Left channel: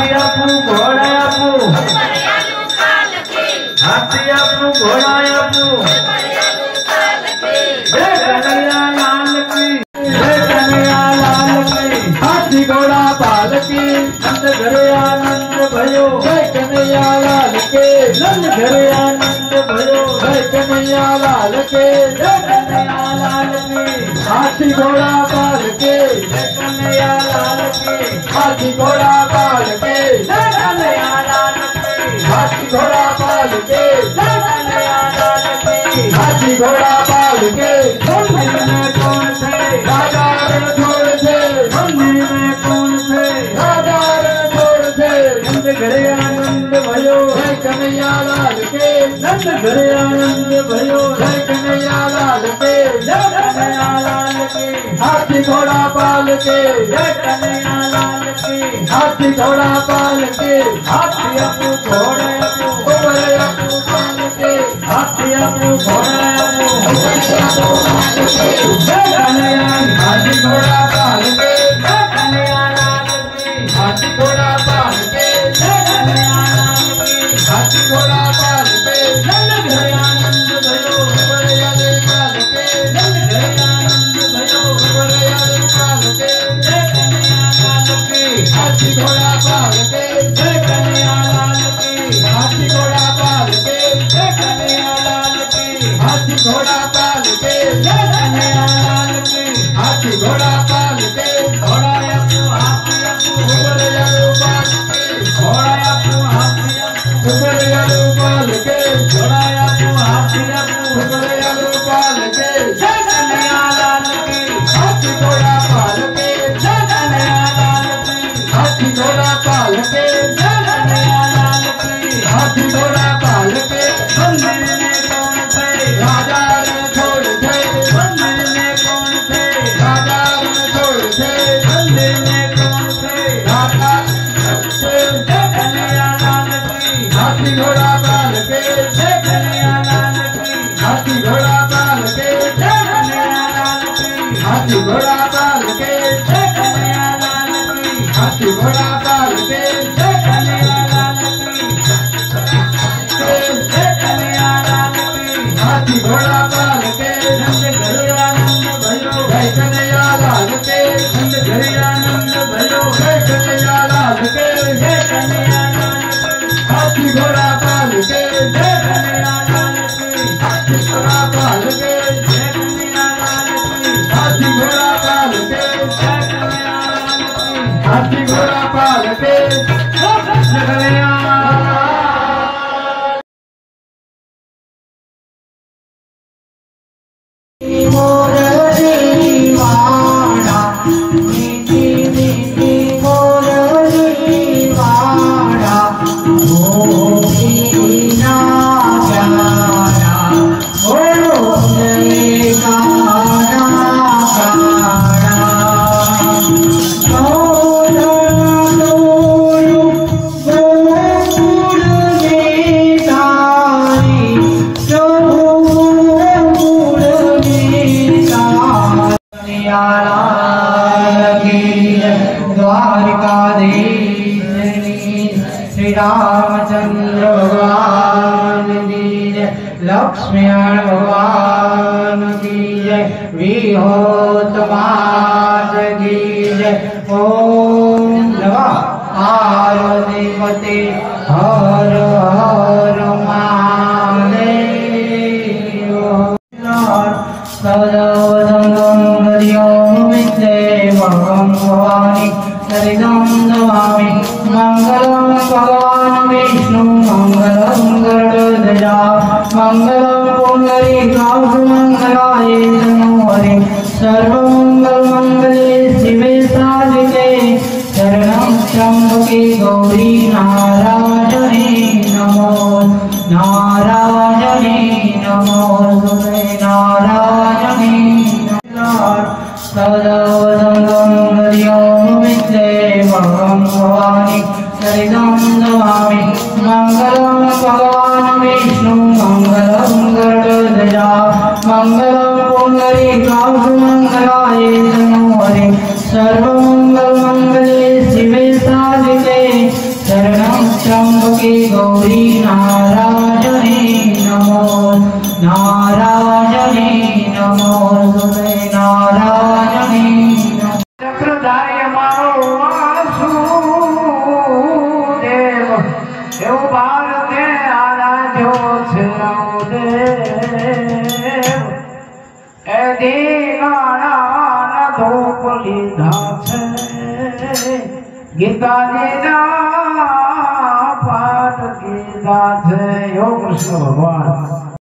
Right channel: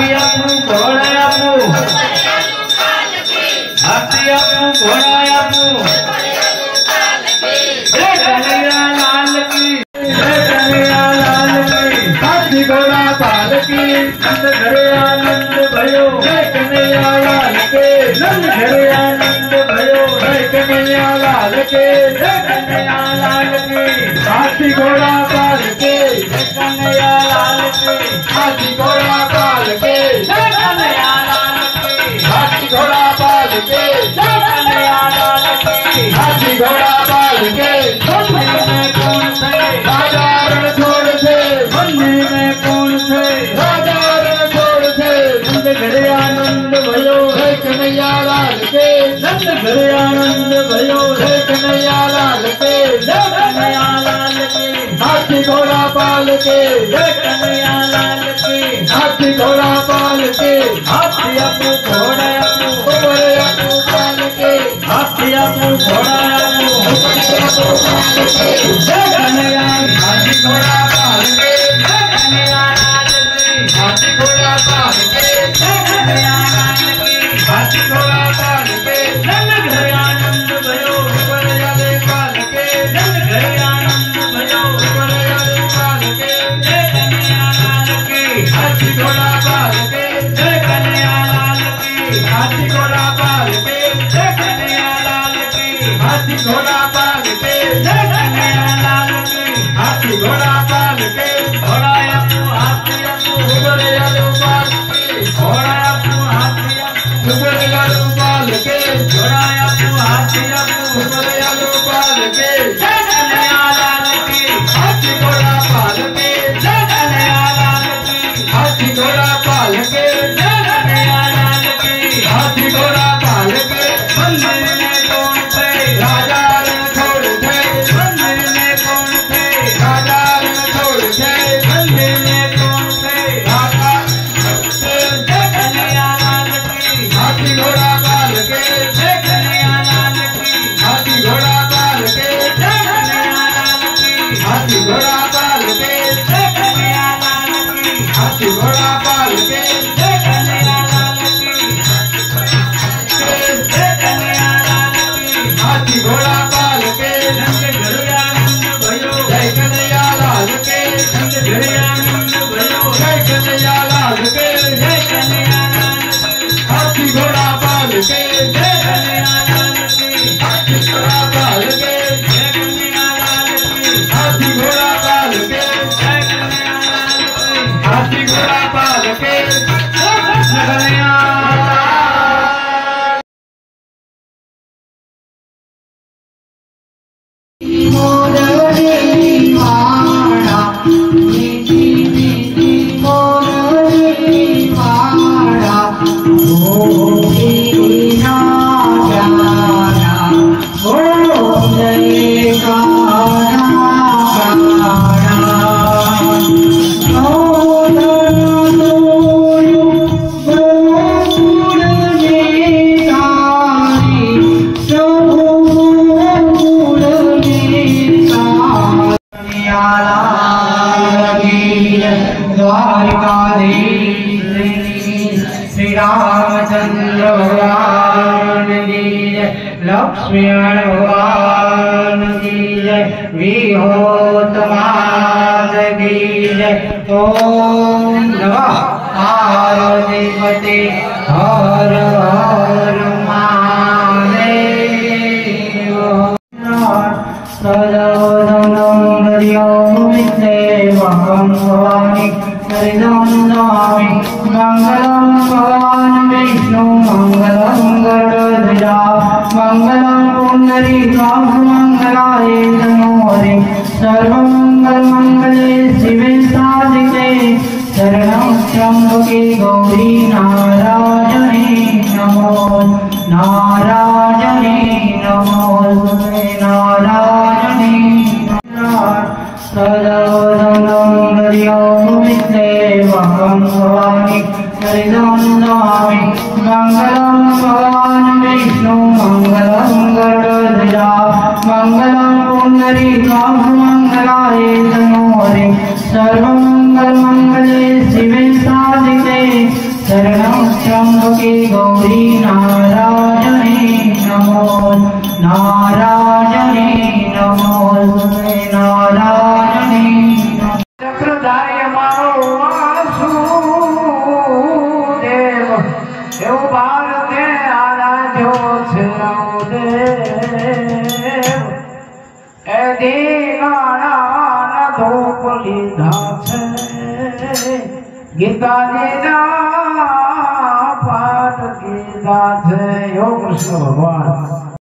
हाथी आपू घोड़ा आपू हाथी आपू घोड़ा आपू जय कन्हैया लाल की जय कन्हैया लाल की हाथी घोड़ा पाल की नंद घरे आनंद भयो जय कन्हैया लाल के नंद घरे आनंद भयो जय कन्हैया लाल के जय कन्हैया लाल की हाथी घोड़ा पाल के जय कन्हैया लाल के हाथी घोड़ा पाल के जय कन्हैया लाल की हाथी घोड़ा पाल के जय कन्हैया लाल की हाथी घोड़ा पाल के मंदिर में कौन थे राजा रण छोड़ थे मंदिर में कौन थे राजा रण छोड़ थे नंद घरे आनंद भयो जय कन्हैया लाल के नंद घरे आनंद भयो जय कन्हैया लाल के जय कन्हैया लाल के हाथी घोड़ा पाल के जय कन्हैया लाल के हाथी घोड़ा पाल के हाथी आपू घोड़ा आपू पाल के हाथी आपू घोड़ा आपू जय कन्हैया हाथी घोड़ा पाल के जय कन्हैया लाल के हाथी घोड़ा पाल के जय कन्हैया लाल के हाथी घोड़ा पाल के नंद घरे आनंद भयो घरे पाल के नंद घरे आनंद भयो घरे पाल के जय कन्हैया लाल के हाथी घोड़ा पाल के जय कन्हैया लाल के हाथी घोड़ा पाल के जय कन्हैया लाल के हाथी घोड़ा पाल के जय कन्हैया लाल के हाथी घोड़ा पाल के घोड़ा आपू हाथी आपू घोड़ा पाल के घोड़ा आपू हाथी आपू घोड़ा पाल के घोड़ा आपू हाथी आपू घोड़ा पाल के जय कन्हैया लाल के हाथी घोड़ा पाल के जय कन्हैया लाल के हाथी घोड़ा पाल के जय कन्हैया लाल के हाथी घोड़ा पाल के मंदिर में कौन थे राजा रण छोड़ थे मंदिर में कौन थे राजा रण छोड़ थे मंदिर में कौन थे राजा जय कन्हैया लाल की हाथी घोड़ा पाल के जय कन्हैया लाल की हाथी घोड़ा पाल के जय कन्हैया लाल की हाथी घोड़ा पाल के जय कन्हैया लाल की हाथी घोड़ा पाल के जय कन्हैया लाल की जय कन्हैया लाल की हाथी घोड़ा पाल के नंद घरे आनंद भयो जय कन्हैया लाल के नंद घरे आनंद भयो जय कन्हैया लाल के जय कन्हैया लाल की हाथी घोड़ा पाल के जय कन्हैया लाल की हाथी घोड़ा पाल के जय कन्हैया लाल की हाथी घोड़ा पाल के जय कन्हैया लाल की हाथी घोड़ा पाल के जय कन्हैया लक्ष्मी भगवान की जय विहोतमाज की जय ओम नमः पार्वती हर हर महादेव सदानंद भवानी हरिनाम नमामि मंगलम भगवान विष्णु मंगलम गरुड़ध्वजा मंगलम पुंडरीकाक्ष मंगलाय नमो हरे सर्वमंगल मंगले शिवे साधिके शरणं त्र्यंबके गौरी नारायणे नमो नारायणे नमो नारायणे भवानी हरिनाम नमामि मंगलम भगवान विष्णु मंगलम गरुड़ध्वजा मंगलम पुंडरीकाक्ष मंगलाय नमो हरे सर्वमंगल मंगले शिवे साधिके के गौरी नारायणी नमो नारायणी नमो नारायणी चक्रधारी मारो वासुदेव एव भारते आराध्यो छे देव ए दीवाना धूप लीधा छे गीता जी पाठ कीधा छे। योग कृष्ण भगवान।